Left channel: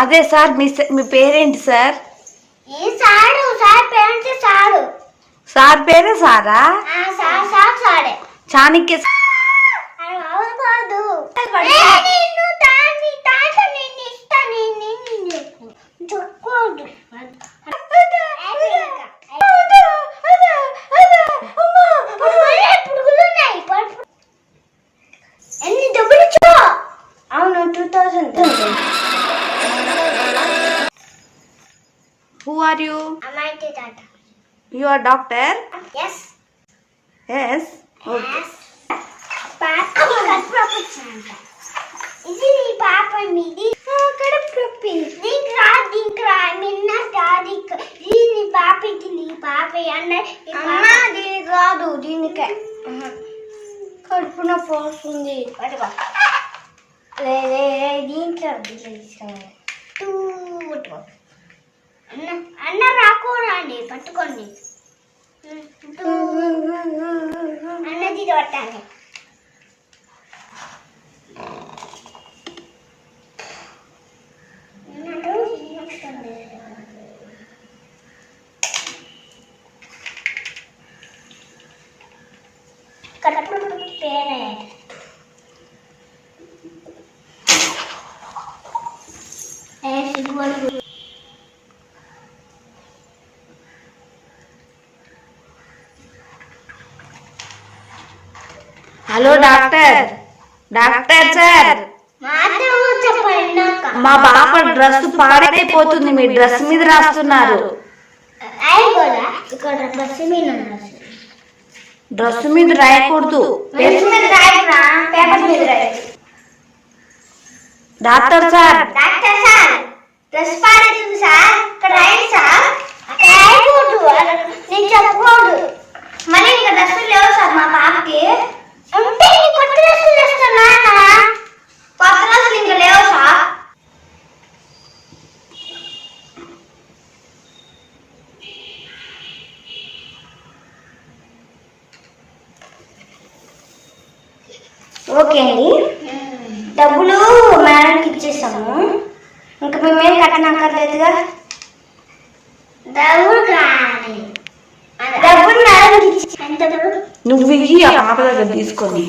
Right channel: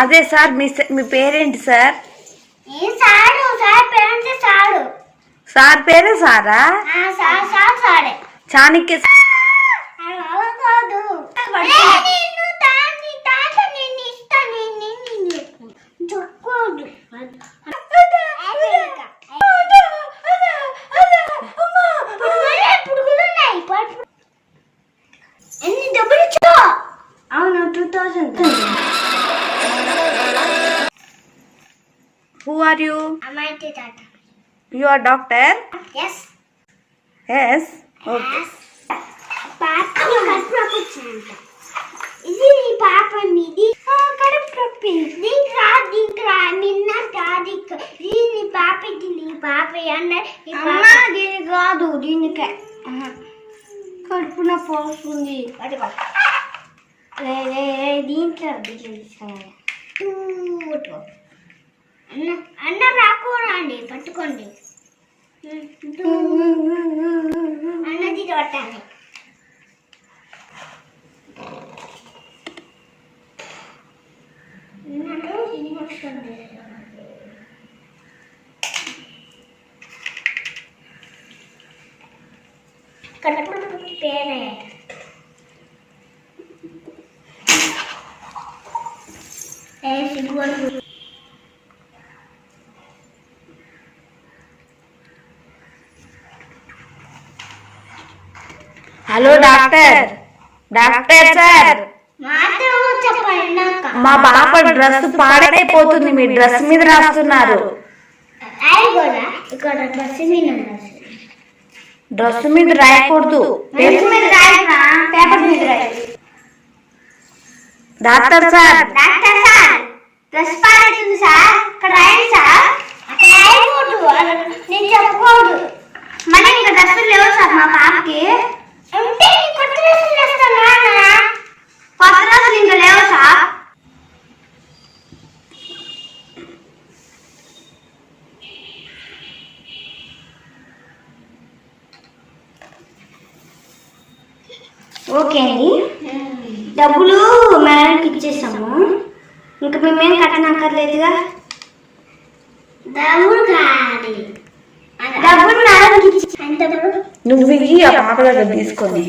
అదే సార్ మీ పేరేంటి sir? Sir పేరే సారా? చాణక్య అవును 2000. Who are you? I'm IT Tata. You are doctor? Yes. Yes. Okay. పాప కడుపు నొప్పి. ఇది నీ పాప మీది కడుపు నొప్పి. దీంట్రా నిన్న తారీఖు దీని పాప ఇది నీ పాప అన్న దీనికి రాదు దీనికే కడుపు నొప్పి వస్తుంది. దీంట్లో అన్న రాకూరండి పట్టుకోండి అన్నది పట్టాలి. కడుపు పేరే హలో డాక్టర్. డాక్టర్ సార్, మా పాప డ్రెస్ పాడైపోతుంది, మీ డ్రెస్ మీద రాస్తున్నారు. డ్రెస్ మీద రాయకూడదు, డాక్టర్ సార్. డ్రెస్ పాడైతుంది సార్, ఇక్కడ రాయండి సార్. అక్కడ రాయకూడదు, నేను చెప్పకూడదు. మళ్ళీ ఇంకా డ్రెస్సులు లేవు సార్ మా పాపకి. ఉంటే కొత్త డ్రెస్సులు చేస్తాను కొత్త డ్రెస్సులు ఇంకా లేవు సార్. ఓకే అండి, డబ్బులు మేడంకి ఇచ్చేసాము, ఇంకా మేమేం కట్టనక్కర్లేదుగా. డబ్బులు కాదు, డబ్బులు మేడంకి ఇచ్చి నువ్వు ఇవి ఆ పాప దగ్గర తీసుకొని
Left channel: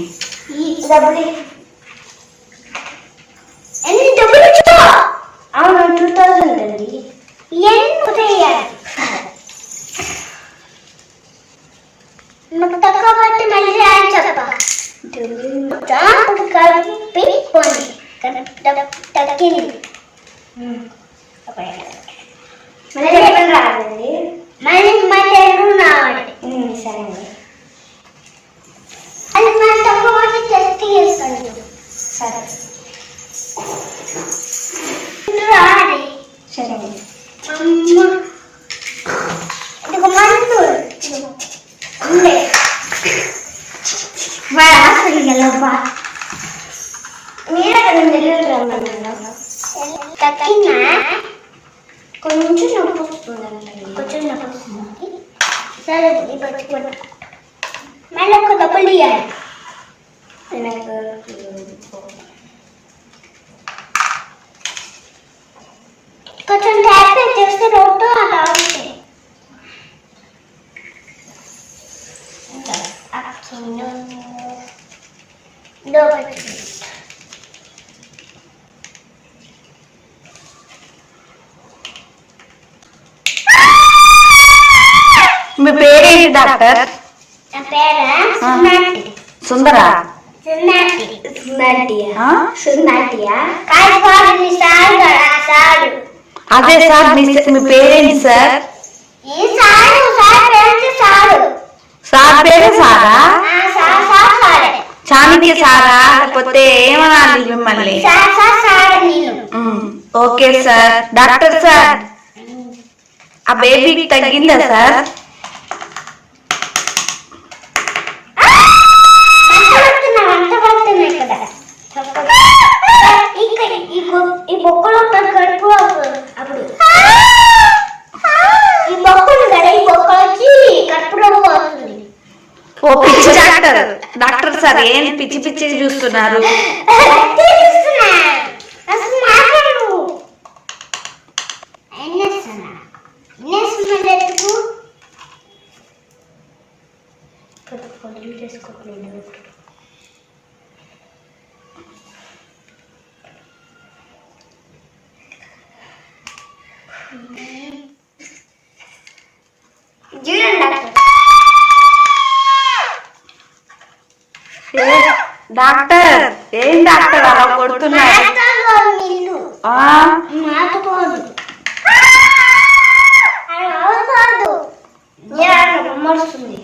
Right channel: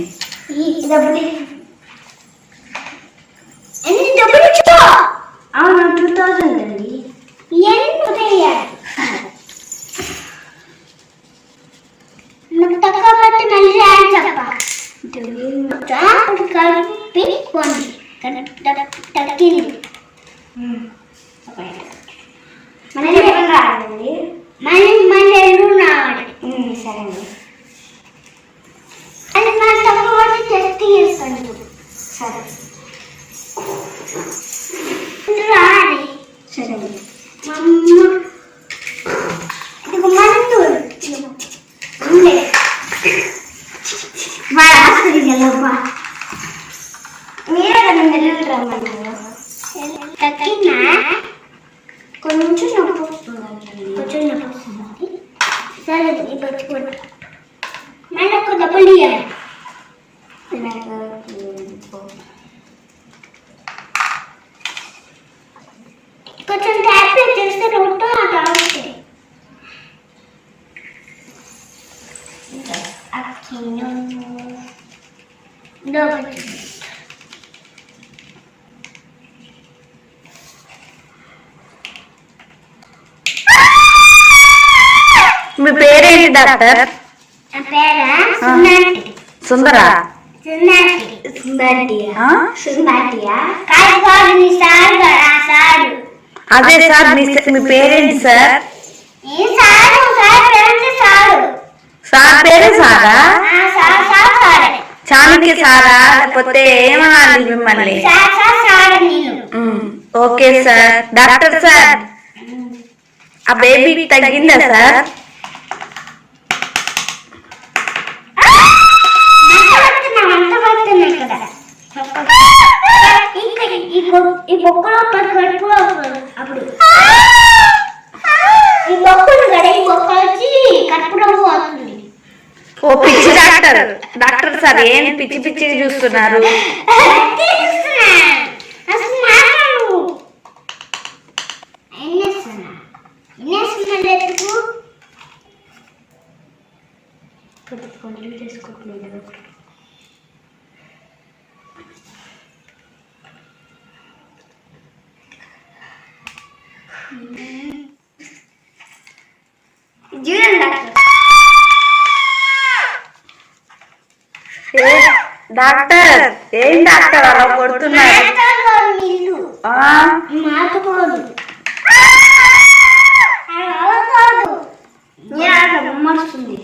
డబ్బులు ఎన్ని డబ్బులు ఇచ్చా? అవును 2000 అండి. తక్కువ బట్టి మళ్ళీ అని చెప్ప కలిపి పోండి తగ్గింది. మళ్ళీ ఎక్కడ రావాలండి? మళ్ళీ ఎల్లు రావాలి. సరే అండి, అది మన తక్కువ బట్టి టెస్ట్ చేస్తాను. సరే రావాలి. సరే అండి, ఇది మందు ఉండే మీరే కదా నెల్లూరు రమ్మన్నారు. తగ్గినా కొంచెం నొప్పి వస్తుందండి, కొంచెం నొప్పి వస్తుంది. సరే మళ్ళీ ఒక డబ్బులు ఇవ్వాలి. కొంచెం ట్యాప్ చేస్తే రోడ్డు అలా అవుతుంది. మీ పేరేంటి డాక్టర్? నా పేరా సుందరా? అదే సార్, మీ పేరేంటి సార్? సార్ పేరే సారా? చాణక్య సారా లేకపోతే ఏమనాలి మిమ్మల్ని? Okay sir. డాక్టర్ సార్, ఆ బేబీకి తగ్గిందా సార్? ఈ బొక్కలో కడుపు అప్పుడు ఈ బొక్కలు కదా, ఈ బొక్క వచ్చి కడుపులో వస్తుంది. ఓ పిచ్చి డాక్టర్. డాక్టర్ సార్, ఏం పిచ్చి పిచ్చి చూస్తున్నారు? చూడండి డాక్టర్. డాక్టర్ ఏం డాక్టర్ అలా కొడుతున్నారు? మాటలో నిల్లు. ఆ, మాటుకోదు. అది అవుతాడు. నేను అట్లా బొమ్మొస్తుంది.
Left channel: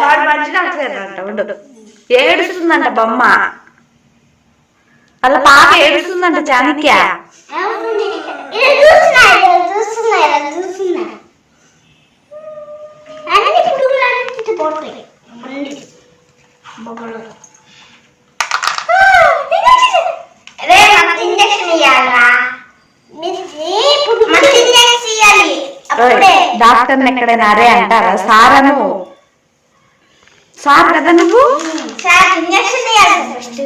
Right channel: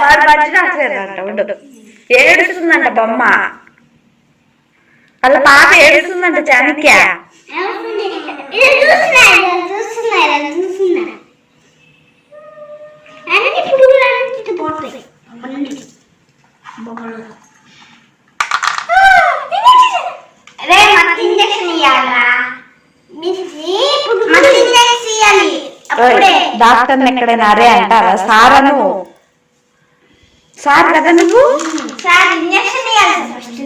వాడు మంచి డాక్టర్ అంట. ఉండు. ఏడుస్తుందంట బొమ్మ. అలా పాప ఏడుస్తుందంట చాణక్య. అన్ని పురుగులు పోతాయి. రే మత్తు ఇంజక్షన్ ఇవ్వాలరా. మత్తు ఇంజక్షన్ ఇవ్వాలి. అప్పుడే డాక్టర్ ఎక్కడైనా అరే అంటారా? సారను సార్ కదా నువ్వు. సార్ ఇంజక్షన్ ఇవ్వాలి ఫస్ట్.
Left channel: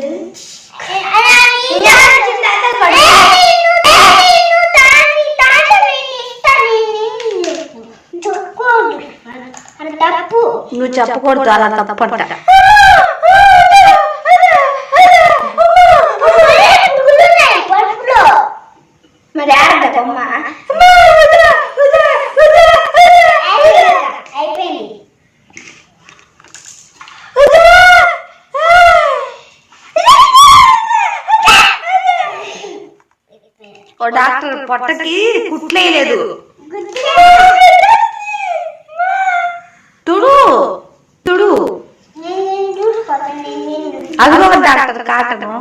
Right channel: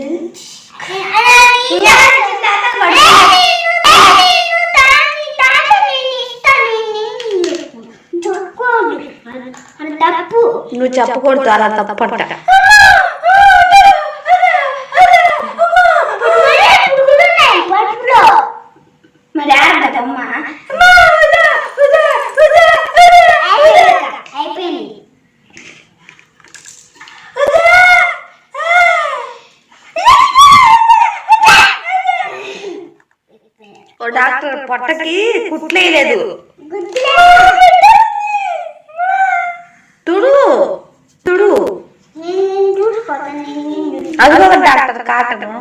తప్పు. నువ్వు చెప్పకూడదు, అలా తప్పంట. మరి ఆడదమ్మా అయిపోయింది. ఓ డాక్టర్ పొట్టకి కుట్లేదు. తుడు తుడు. అదిగో డాక్టర్ కాటను.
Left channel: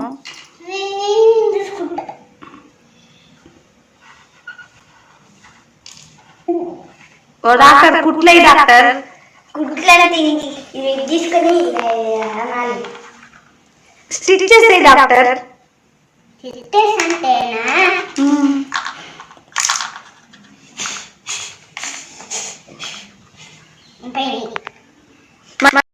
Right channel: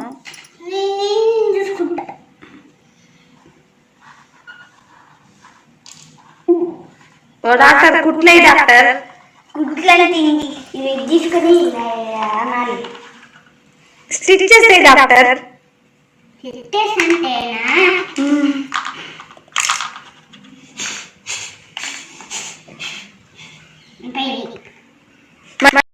ఓ డాక్టర్ కుట్లే డాక్టర్. గుడ్లని తిండి తీసుకొని అనాలి. స్టిచ్ చేసే డాక్టర్. అంటేనా